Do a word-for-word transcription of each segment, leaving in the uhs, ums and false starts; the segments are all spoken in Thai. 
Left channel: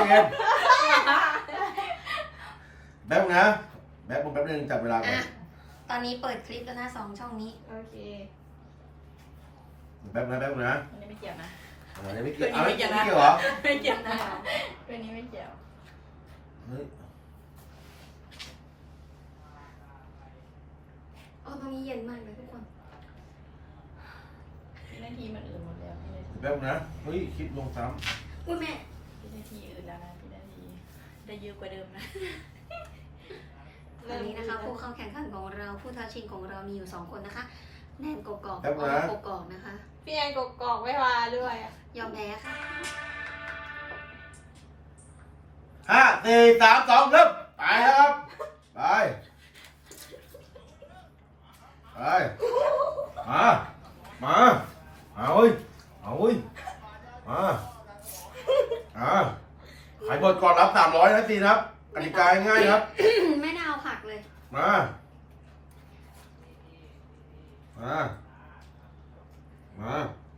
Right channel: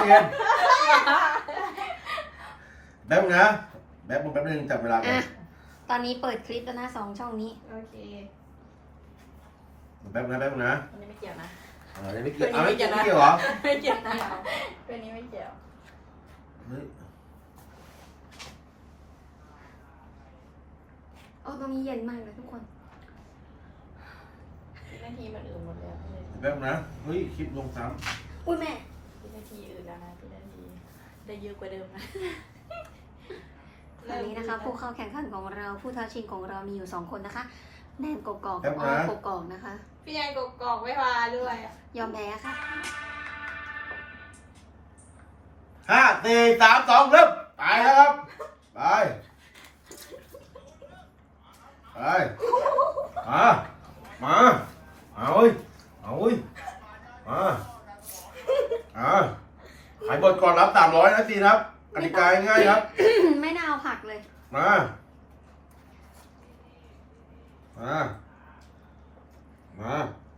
เย็นแป๊บนะแป๊บแป๊บนึงจับเวลาก่อนตอนนี้เปิดคลิปแล้วนะสองช่องนี้โอเคแป๊บนะแป๊บนะอันนี้ไม่เกี่ยวนะอันนี้ไม่เกี่ยวไม่เกี่ยวไม่เกี่ยวเหรอไม่เกี่ยวนะเป็นนี้ไม่เกี่ยวเฮ้ยโอ้ตรงนี้เย็นมากเลยทุกคนพี่นาทีมันอื่นหมดแล้วพี่นาทีแป๊บนะเฮ้ยคลิปลงซ้ำอุ้ยแม่พี่นาทีอื่นแล้วนะพี่นาทีได้เยอะกว่าเดิมนะวันนี้นะคะผู้เข้าแข่งขันของเราผู้ท้าชิงของเรามีอยู่สองคนนะคะแนนกกอกกับอ้อกกอกนะคะพี่แอนกกอกไม่มาด้วยยอมแพ้ค่ะห้าสี่สามสองเริ่มไปครับไปไปมามาเอาเว้ยเอาเว้ยมาอ่าขายบทก่อนรับสามร้อยนะจีครับกติกาง่ายครับไม่น่าเอาผักเลยมามามา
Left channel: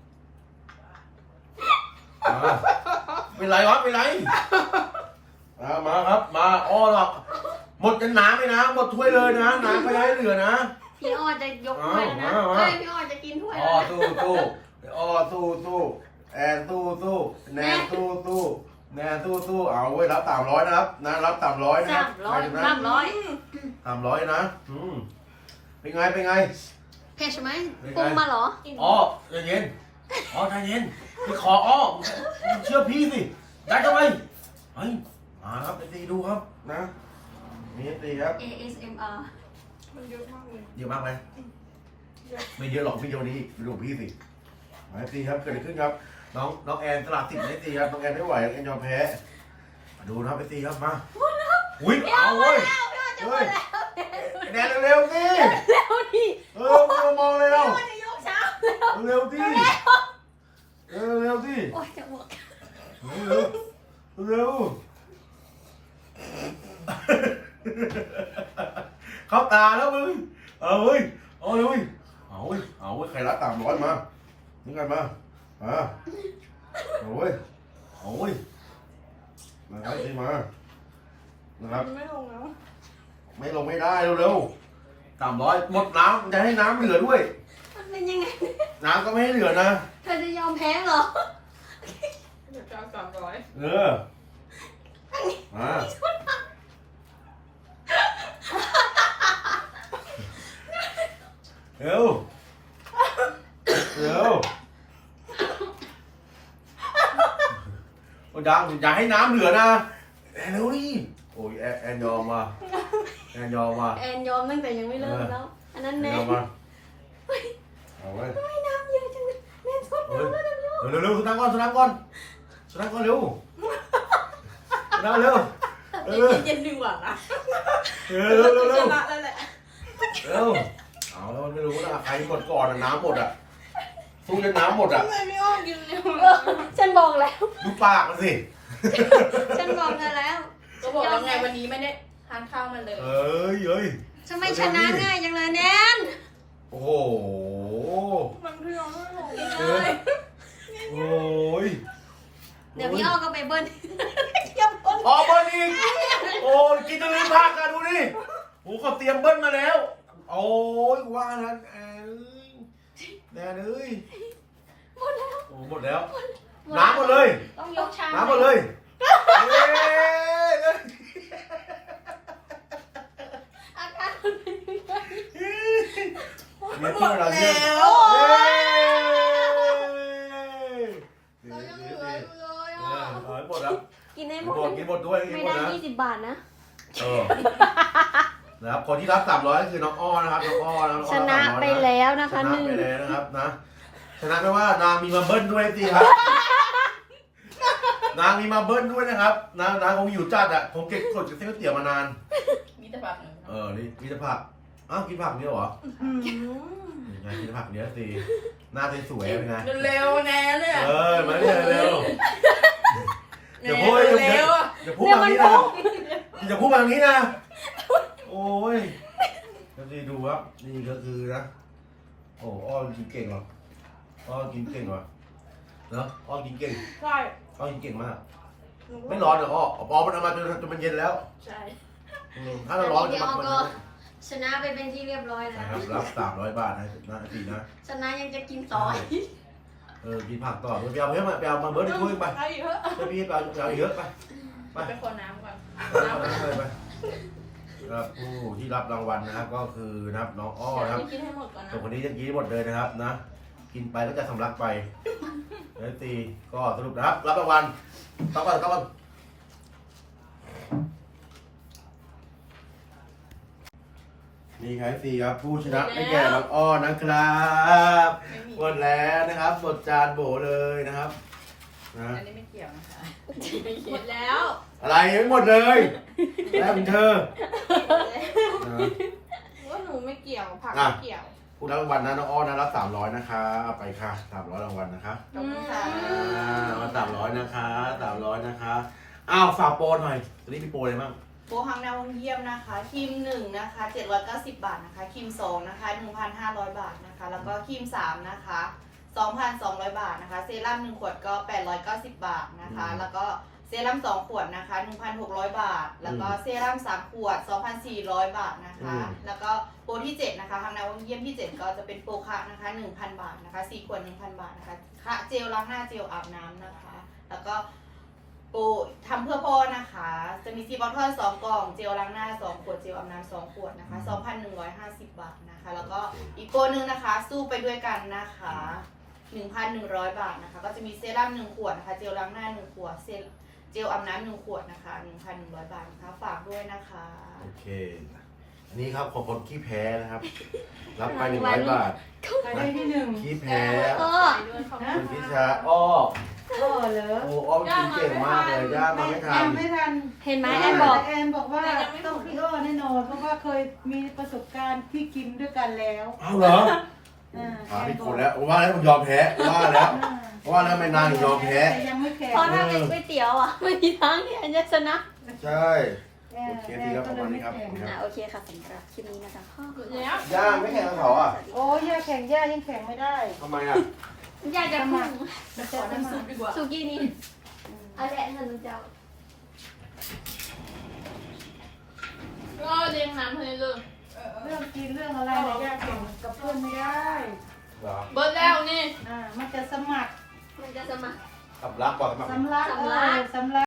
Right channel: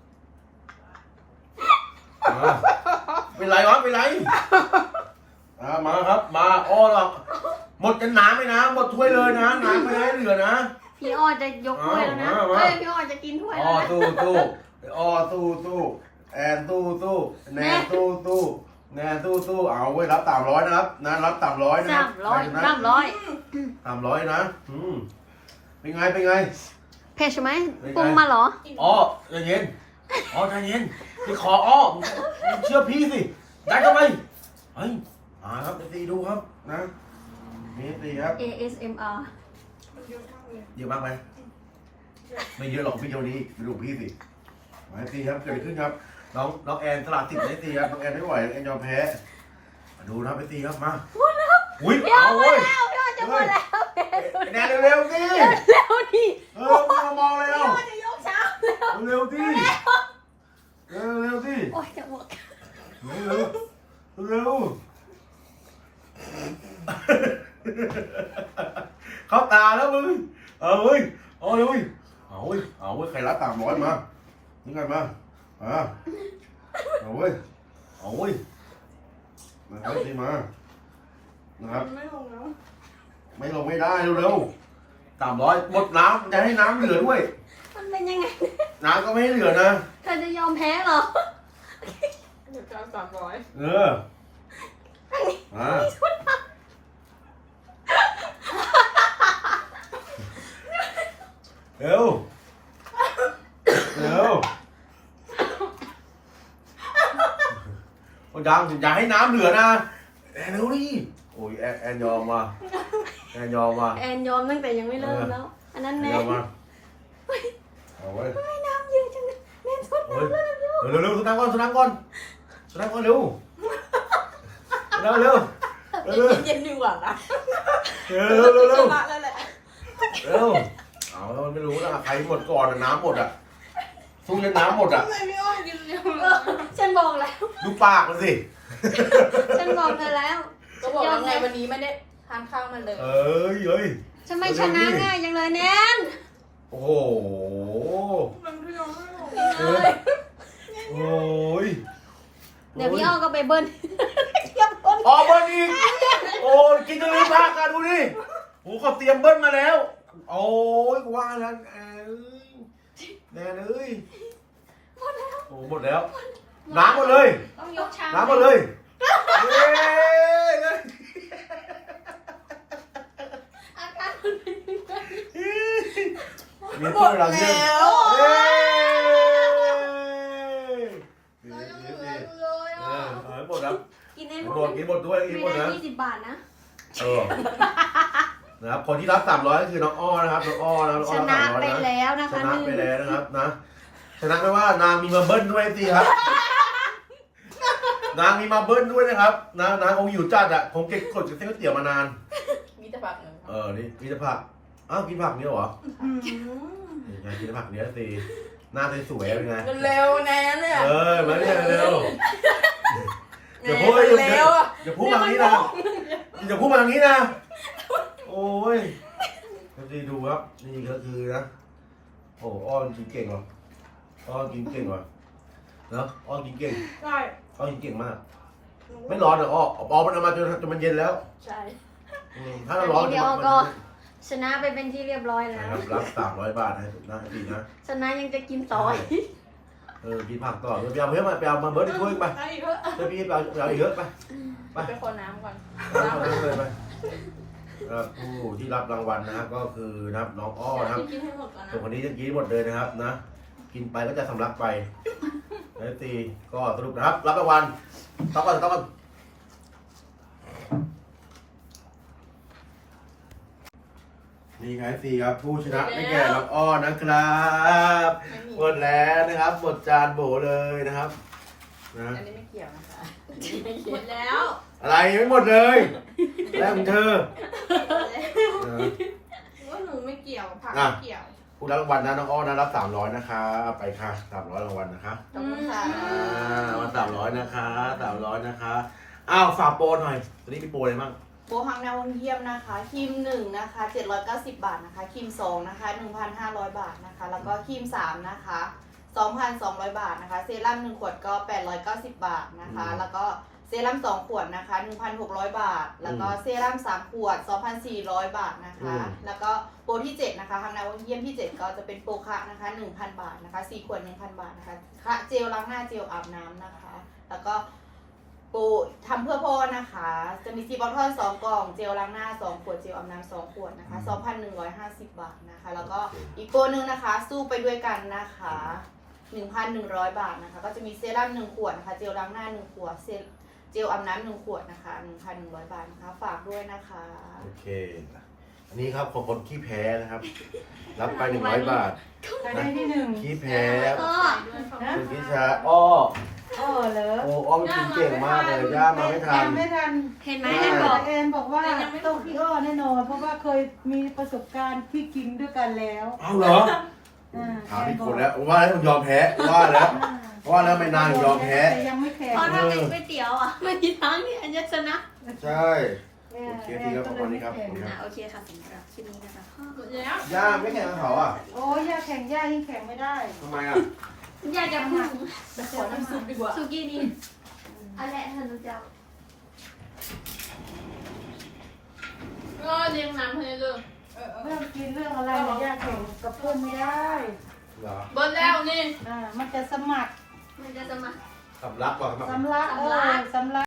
มาเป็นไรวะเป็นไรมามาครับมาอ้อหรอกหมดกันน้ำไหมนะหมดถ้วยเลยนะน้ำไม่ได้เหลือนะพี่อ้อจะยกถ้วยนะเฮ้ยพี่อ้อจะกินถ้วยอ้อสู้สู้อ้อสู้สู้แอนสู้สู้แนนสู้สู้แนนสู้สู้เอาไว้รับสามร้อยนะครับนะรับสามร้อยนะครับใครนะสามร้อยสามร้อยนะอืมเป็นไงเป็นไงเผ็ดใช่ไหมปรุงมาเหรออ๋อใจเย็นอ๋อใจเย็นไปขออ้อเชื่อพี่สิได้ก็ไปเฮ้ยมาครับไปตีดูครับนะนี่ตีครับเอ เอส เอ็ม อาร์มันเยอะมากเลยเยอะมากไหมไม่เยอะหรอกพี่เดียวนี้ไปดูพี่สิมาตีครับเกิดอะไรขึ้นครับน้องน้องแอนตลาดติดไม่ตีครับน้องแอนไม่ไหวน้องแอนยอมแพ้มาดูนะไปตีครับมาอุ้ยเอาเว้ยเฮ้ยแนนเร็วๆสิเร็วดิเออมองมองเลยเราจะยกเช้าเร็วดิเร็วเร็วดิโอ้ยจะอ้วกเร็วเร็วเข้าตาแล้วมึงเอาเว้ยเอาเลยเอาเว้ยเอาเว้ยใครรัดตามร้อยมานี่ไงมาอ่าเอาเว้ยเอาเว้ยนะครับนี่มานะครับไม่ลงแล้วไม่ลงไม่ได้เร็วๆสามร้อยหมดน้ำจะให้น้ำเหลือด้วยมันเป็นยังไงน้ำก็ไม่ให้เหลือนะเธอจะยอมแพ้เหรอเดี๋ยวจะสามร้อยเออมาเร็วเร็วโอ้ดังอย่าให้น้ำเหลือนะแอนเร็วดิโอ้ยแอนแอนยอมมาแอนยอมมาแอนยอมตั้งแต่ยังไม่เริ่มแล้วอันนั้นแน่เอาไว้ไม่น้ำเยอะจังเลยแน่นสุดเร็วเร็วสุดท้ายก่อนสุดท้ายก่อนสุดท้ายก่อนเร็วเร็วเร็วเร็วเย็นดีกว่านะเร็วเร็วเร็วเร็วเร็วเอาแล้วมันไม่รู้นะใครหมดก่อนน้ำหมดอ่ะสู้จนน้ำหมดอ่ะทำไมไม่อ้อนกินเร็วฉันบอกแล้วดูปากมันสิฉันบอกเธอแล้วก็บอกยังไงวันนี้ไม่ได้ทานข้าวมันเลยเอ้ยเอ้ยทำไมชนะง่ายจังเลยแนนโอ้โหมันพี่น้องไม่ลงเลยโอ้ยเดี๋ยวพี่อ้อก็ไปเบิ้ลอ๋อเบิ้ลอีกโอ้ยกินจนลืมพักกันดูดิโอ้เขาเตรียมเบิ้ลมาแล้วโอ้ยว่าแล้วแอนแน่เลยโอ้หมดแล้วน้ำหมดเลยน้ำหมดเลยเนี่ยที่เราเรียนเอาให้หมดครับกินให้หมดกินหมดด้วยกินหมดนะยี่สิบบาทนะเออนะครับคนที่รับสามร้อยก็คือน้องอ้อนะครับน้องอ้อนะน้องอ้อรับสามร้อยนะชนะไปแล้วนะคะชนะไปแล้วนะครับนะชนะไม่ว่านางมีมาเบิ้ลด้วยสิครับนางมีมาเบิ้ลด้วยนะครับนางนางคงอยู่จัดอ่ะคงเก็บกดกับเส้นก๋วยเตี๋ยวมานานมีแต่ผักเออนี่มีแต่ผักอ้าวกินผักเนี้ยเหรอยังไงกินผักเนี้ยสิหน้าสวยๆเป็นไงเร็วแน่เนี่ยเออมาเนี่ยเร็วอย่าพูดอย่าอย่าพูดแบบนี้นะอย่าพูดแบบนี้นะโอ้ยก็ดีดูครับนี่ก็คือนะโอ้อ้อกินเก่งหรออ้อกินเก่งหรอเนาะอ้อกินเก่งใช่อ้อกินเก่งมากไม่ร้อนเหรออ้ออ๋อมันเอามาจนจนมันเย็นแล้วใช่อืมถ้าเราร้อนมันจะมันก็มันชนะไปเป็นที่เรียบร้อยแล้วนะครับรับสามร้อยบาทนะนะสี่นะชนะยังจะกินต่อเออกินผักต่อไปเอาเพิ่มมาไปเอามาเบิร์ดอีกถ้วยไปเอาอีกเถอะเดี๋ยวพี่ไปเอาไปเอาอีกเยอะไปไปไปคนน้ำก่อนเอาน้ำเลยไปครับผู้ที่รับรางวัลนะครับก็คือนะครับน้องอ้อเดี๋ยวนะครับพี่กินให้หมดก่อนนะส่วนคนนี้จะกินหมดเลยนะครับนะ กินไปก็จะสำลักไปเอฟซีก็สรุปนะครับ รับรางวัลต้องก่อนต้องก่อนนี่ครับเอฟซีครับผู้ชนะได้แก่น้องอ้อนะครับไม่มีหมดแล้วนะครับหมดจานโบเลยนะครับนะอันนี้ไม่เกี่ยวนะคะหมดแล้วอะไรยังไม่หมดเลยแล้วของเธอนะว่าหนูไม่เกี่ยวผักอ่ะไม่เกี่ยวผู้รับรางวัลนะน้องอ้อนะรับสามร้อยนะคะเอาไปค่ะสามร้อยรางวัลนะคะขอบคุณค่ะอ่าวันสามร้อยนะคะสามร้อยนะคะอ้าวฝากโปรหน่อยตอนนี้มีโปรอะไรบ้างโบฮังนาวงเยี่ยมนะคะครีมหนึ่งนะคะเจ็ดร้อยเก้าสิบบาทนะคะครีมสองนะคะหนึ่งพันห้าร้อยบาทนะคะ แล้วก็ครีมสามนะคะสองพันสองร้อยบาทนะคะเซรั่มหนึ่งขวดก็แปดร้อยเก้าสิบบาทนะคะ แล้วก็เซรั่มสองขวดนะคะหนึ่งพันหกร้อยบาท แล้วก็เซรั่มสามขวดสองพันสี่ร้อยบาทนะคะ แล้วก็โปรที่เจ็ดนะคะฮังนาวงเยี่ยมที่เจ็ดก็จะเป็นโปรคะนะคะหนึ่งพันบาทนะคะสี่ขวดหนึ่งพันบาทนะคะคะเจลล้างหน้าเจลอาบน้ำนะคะ แล้วก็ ปูทำเพื่อพ่อนะคะ จะมีซีบอลทอดสองกล่อง เจลล้างหน้าสองขวด เจลอาบน้ำสองขวดนะคะสองพันหนึ่งร้อยห้าสิบบาทนะคะ แล้วก็อีกตัวหนึ่งนะคะ สู้ไปด้วยกันนะคะหนึ่งพันหนึ่งร้อยบาทนะคะ ก็จะมีเซรั่มหนึ่งขวดนะคะ เจลล้างหน้าหนึ่งขวด เซลเจลอาบน้ำหนึ่งขวดนะคะหนึ่งพันหนึ่งร้อยบาทนะคะ ฝากด้วยนะคะโอเค อันนี้ครับของคนขี้แพ้นะครับ รับไปหนึ่งร้อยบาทใครได้ที่หนึ่งขี้แพ้ก็คุณพิชาอ้อเออเหรอโอ้อ้อมกินเก่งมากเลยย่ามาไม่ทันยังไม่ทันเห็นไหมไม่แอนบอกแอนบอกว่าต้องพี่อ้อแน่นอน เพราะว่าเคยมีประสบการณ์ที่กินด้วยกันแล้วเอาเหรออ่าถามพี่คนแล้วว่าแล้วผมยอมแพ้ว่าแล้วว่าแล้วไม่นานยอมแพ้แต่ยังไม่แข็งเพราะถ้าเป็นก๋วยเตี๋ยวอ่ะไม่มีทางที่อันจะชนะใช่ โอเคทีแล้วประมาณนี้ครับอ่ะโอเคค่ะสำหรับคลิปนี้นะคะหมดแล้วย่าไม่แข่งกันเหรออ่ะโอ้ยย่าแข็งย่ายังแข็งไม่ได้ทำไมอ่ะอยากจะพูดขอน้ำซุปดีกว่าสุกี้นี่อะไรเงินจะก็เลี้ยงน้ำให้เลยเรื่องกินเรื่องอะไรเนี่ยย่าแข็งกับเพื่อนไม่ได้เหรอเบิร์ดแล้วนี่อ่ามันจะสมัครมันจะจะมาสับรักก่อนครับสำลักเออสำลัก